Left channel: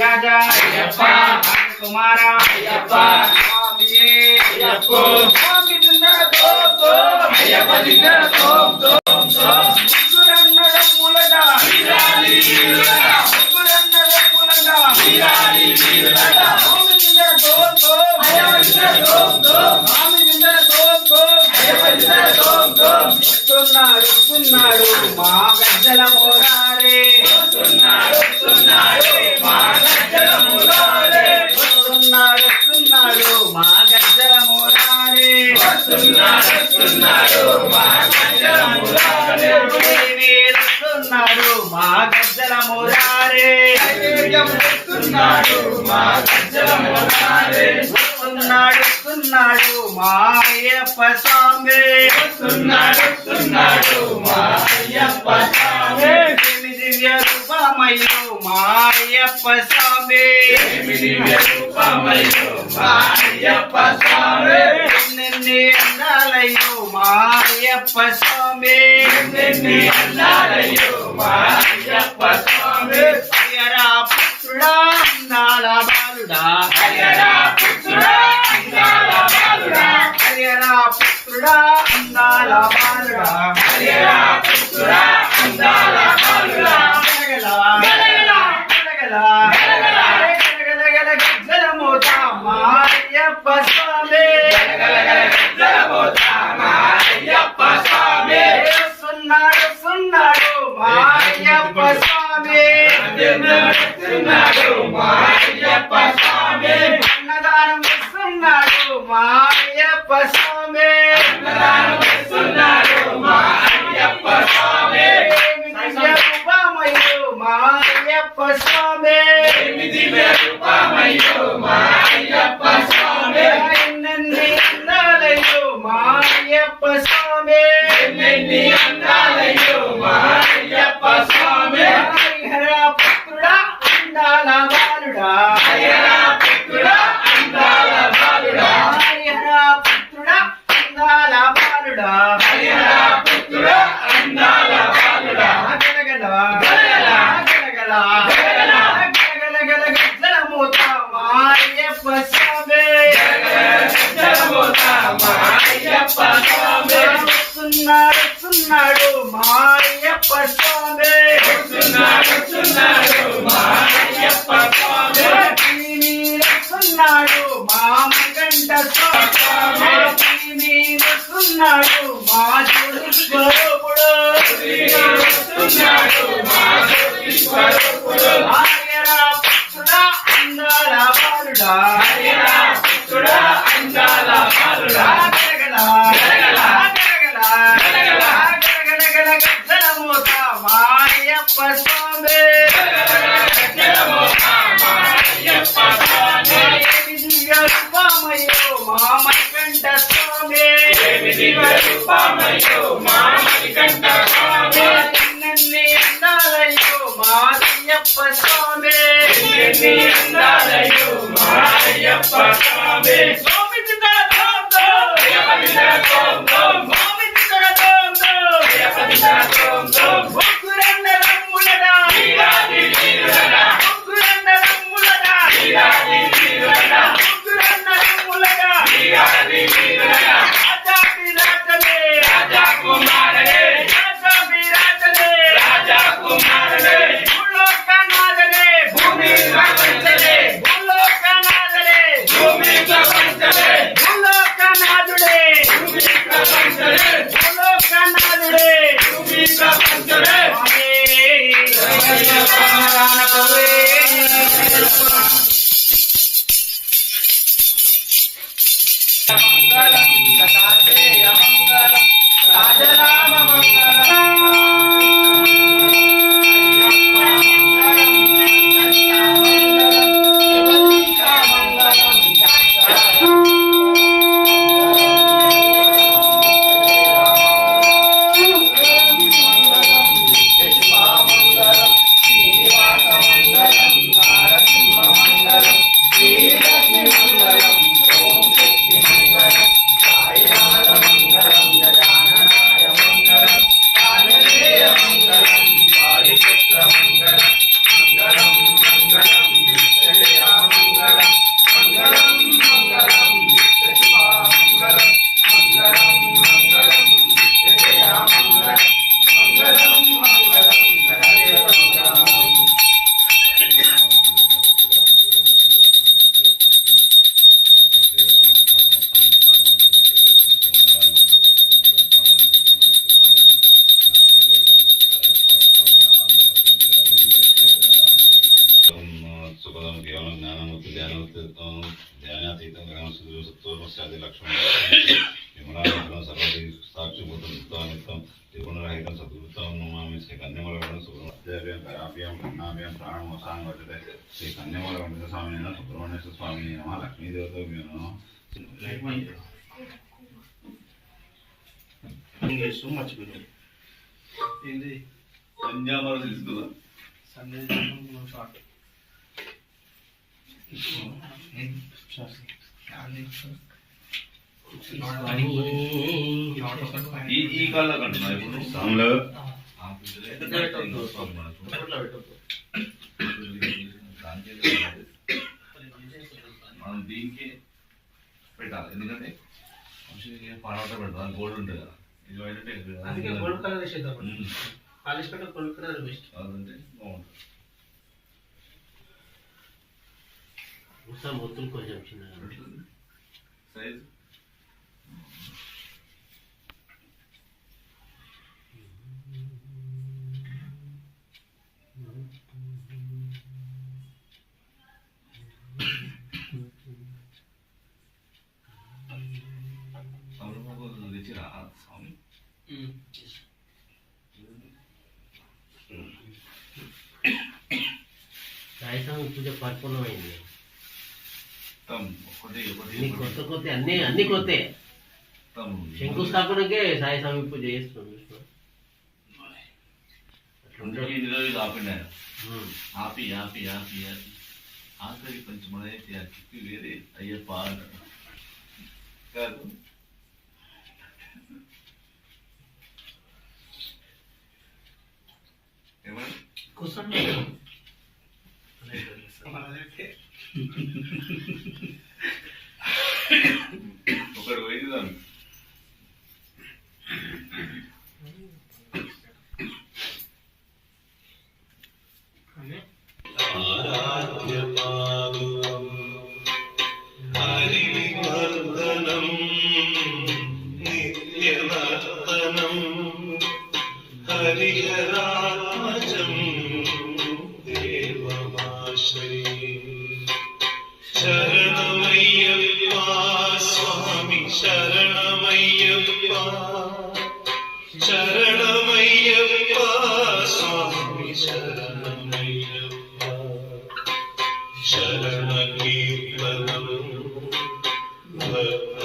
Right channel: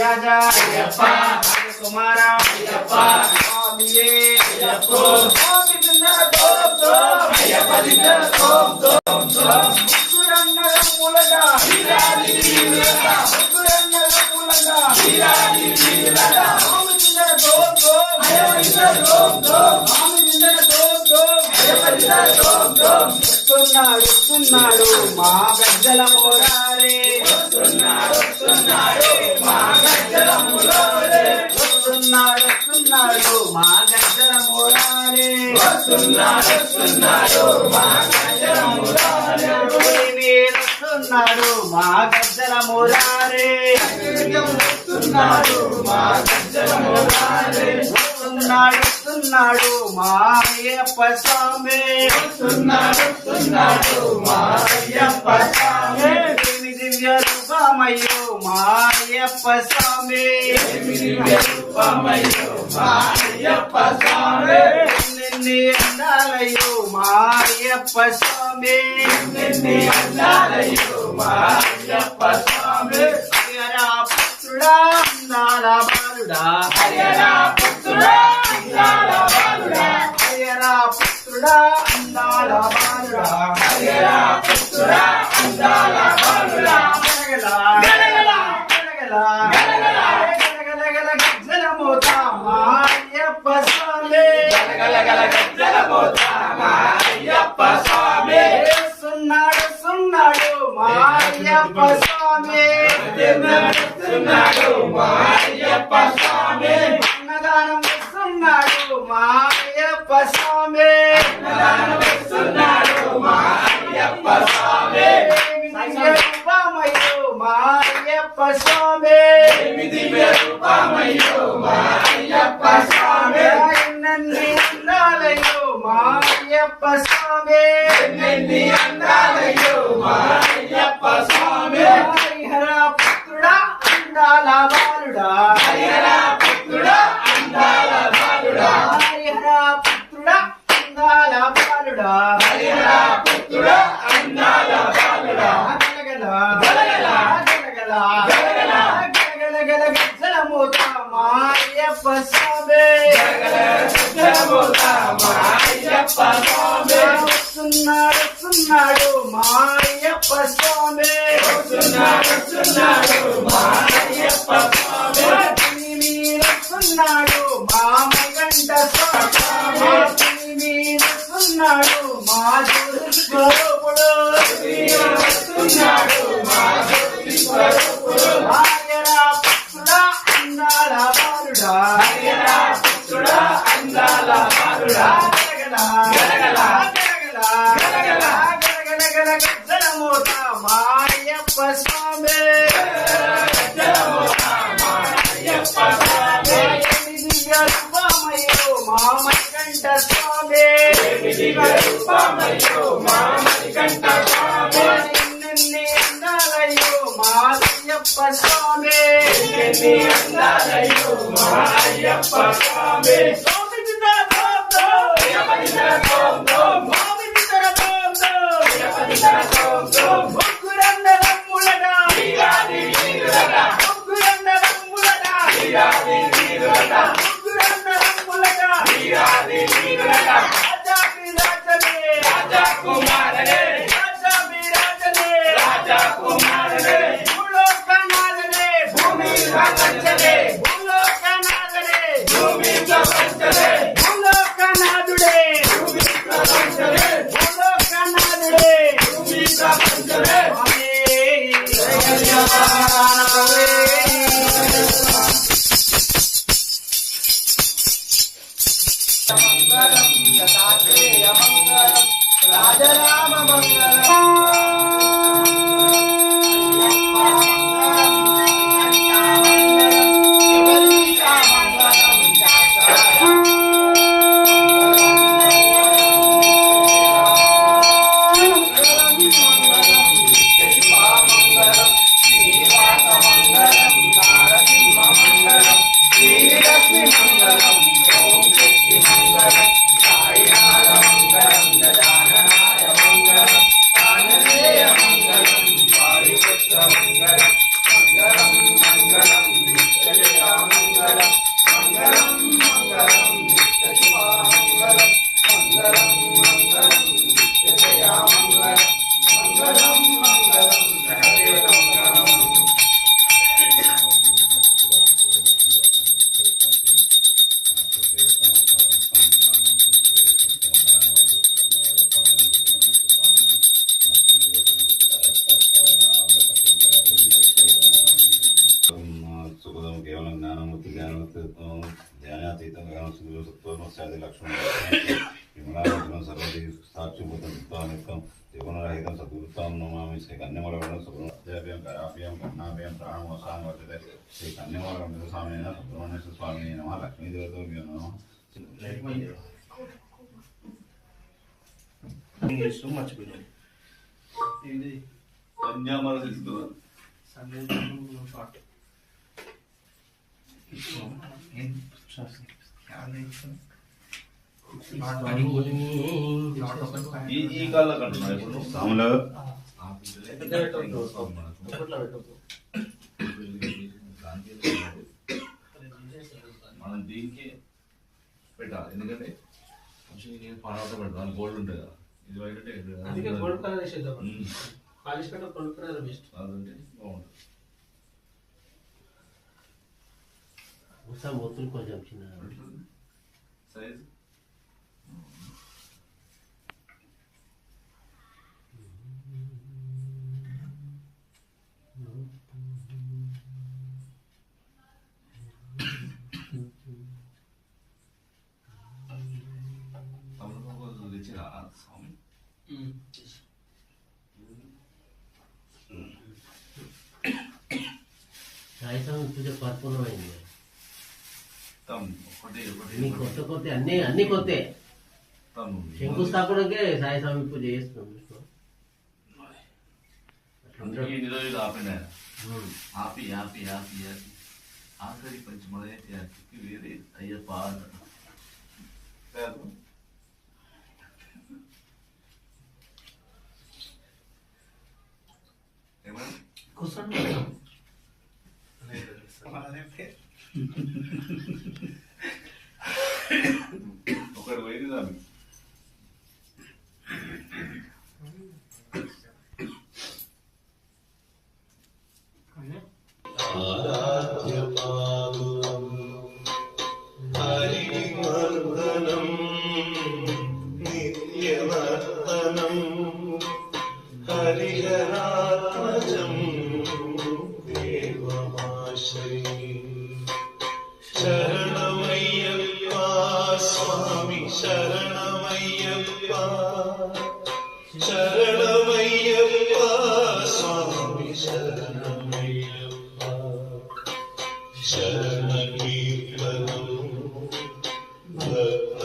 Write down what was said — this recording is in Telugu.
రాజా కుమార వస్తున్నాడు మా గజ్జల మోరారే వస్తున్నాడు మా గజ్జల మోరారే వస్తున్నాడు మా గజ్జల మోరారే వస్తున్నాడు మా గజ్జల మోరారే వస్తున్నాడు మా గజ్జల మోరారే వస్తున్నాడు మా గజ్జల మోరారే వస్తున్నాడు మా అయ్యప్ప స్వామి వస్తున్నాడు మా అయ్యప్ప స్వామి దివ్య రూపమయ్యో మా అయ్యప్ప స్వామి దివ్య రూపమయ్యో మా అయ్యప్ప స్వామి నిన్నే అందాలయ్యో మా అయ్యప్ప స్వామి నిన్నే అందాలయ్యో మా అయ్యప్ప స్వామి హరియరా పుత్రుడా అందాల బాలుడా హరియరా పుత్రుడా అందాల బాలుడా హరియరా పుత్రుడా అందాల బాలుడా హరియరా పుత్రుడా అందాల బాలుడా గలగల గలగల గలగల గలగల గలగల గజ్జల మోత మా అయ్యప్ప స్వామి గలగల గలగల గజ్జల మోత మా అయ్యప్ప స్వామి వస్తున్నాడు మా అయ్యప్ప స్వామి వస్తున్నాడు మా అయ్యప్ప స్వామి అన్నదానం వస్తున్నాడు మా అయ్యప్ప స్వామి అన్నదానం వస్తున్నాడు మా అయ్యప్ప స్వామి దివ్య రూపమయ్యో మా అయ్యప్ప స్వామి దివ్య రూపమయ్యో మా అయ్యప్ప స్వామి నన్ను అందాలయ్యో మా అయ్యప్ప స్వామి నన్ను అందాలయ్యో మా అయ్యప్ప స్వామి హరిహర పుత్రుడా అందాల బాలుడా హరిహర పుత్రుడా అందాల బాలుడా హరిహర పుత్రుడా అందాల బాలుడా హరిహర పుత్రుడా అందాల బాలుడా గలగల గలగల గలగల గలగల గలగల గల గజ్జల మోత మా అయ్యప్ప స్వామి గజ్జల మోత మా అయ్యప్ప స్వామి వస్తున్నాడు మా అయ్యప్ప స్వామి వస్తున్నాడు మా అయ్యప్ప స్వామి వస్తున్నాడు మా మకంఠ స్వామి వస్తున్నాడు మా జ్యోతి స్వరూపుడు వస్తున్నాడు మా జ్యోతి స్వరూపుడు హరియరా పుత్రుడా అందాల బాలుడా హరియరా పుత్రుడా అందాల బాలుడా గలగల గలగల గలగల గలగల గలగల గల గజ్జల మోత మా అయ్యప్ప స్వామి గజ్జల మోత మా అయ్యప్ప స్వామి దివ్య రూపమయ్యో మా మణికంఠ స్వామి దివ్య రూపమయ్యో మా మణికంఠ స్వామి నిన్నే అందాలయ్యో మా అయ్యప్ప స్వామి నిన్నే అందాలయ్యో మా అయ్యప్ప స్వామి స్వామి చిత్ర ధోం ధోం అయ్యప్ప చిత్ర ధోం ధోం స్వామి చిత్ర ధోం ధోం అయ్యప్ప చిత్ర ధోం ధోం భక్తులంద రమ్ములడా వీరాది వీరులడా భక్తులంద రమ్ములడా వీరాది వీరులడా భక్తులంద రమ్ములడా వీరాది వీరులడా రాజా విరాజనే రాజా కుమారనే రాజా విరాజనే రాజా కుమారనే భూలోకనాథనే భూమి ప్రపంచనే భూలోకనాథనే భూమి ప్రపంచనే భూలోకనాథుడే భూమి ప్రపంచనే భూలోకనాథుడే భూమి ప్రపంచనే రాజరామ लक्ष्मण यमुनां सर्वदी साक्षिभूतं त्रिगुणरहितं सद्गुरुतां नमामि श्री कन्यामलगणं सुब्रह्मण्याभ्यां कराभ्यां कन्नाभ्यां प्राणमोसां वर्तते श्री कन्यामलगणं स्वामिने सुब्रह्मण्य स्वामिने नमः लक्ष्मीदेवताभ्यो नमः. So much better. కన్యామల తీసుకురా Sunday short. ఈ కాళ్ళ కంటున్నా ఇప్పుడు సాములు మనం దీనికి పెట్టాలి ఎందుకంటే పాట పెడతాం గోల్డ్ ఉంటుంది కదా ఇది అందుకే గోల్డ్ కలర్ వేసేద్దాం పాలిష్ పెట్ట గోల్డ్ కలర్ బెస్ట్ అదంటే బాగుంటుంది ఉసా మొత్తులు కొంచెం చిన్నగా సైజ్ తెచ్చిరా స్వామి సాయంత్రం పూజ పరిపూర్ణమైంది ఒకటి అన్ని కొత్త కొత్త అన్ని కొత్త శంకుస్థాపనకే సాయి స్వామి పూజ చేస్తుంది ఇన్ని రోజులు ఆపండి ఆయన ఆపి ఆపి ఆపి ఆపి ఆఖరి పంచమదైతే ఆ కిక్కి వేరే అయ్యప్ప కాదు ఏమన్నా కూర్చోండి ఒకటి పోయింది దాన్ని హరివర్ధనం నిత్యవర్ధనం హరిహరాత్మజం దేవమాశ్రయే శరణమయ్యప్ప స్వామి శరణమయ్యప్ప శరణమయ్యప్ప స్వామి శరణమయ్యప్ప శరణ కీర్తనం భక్త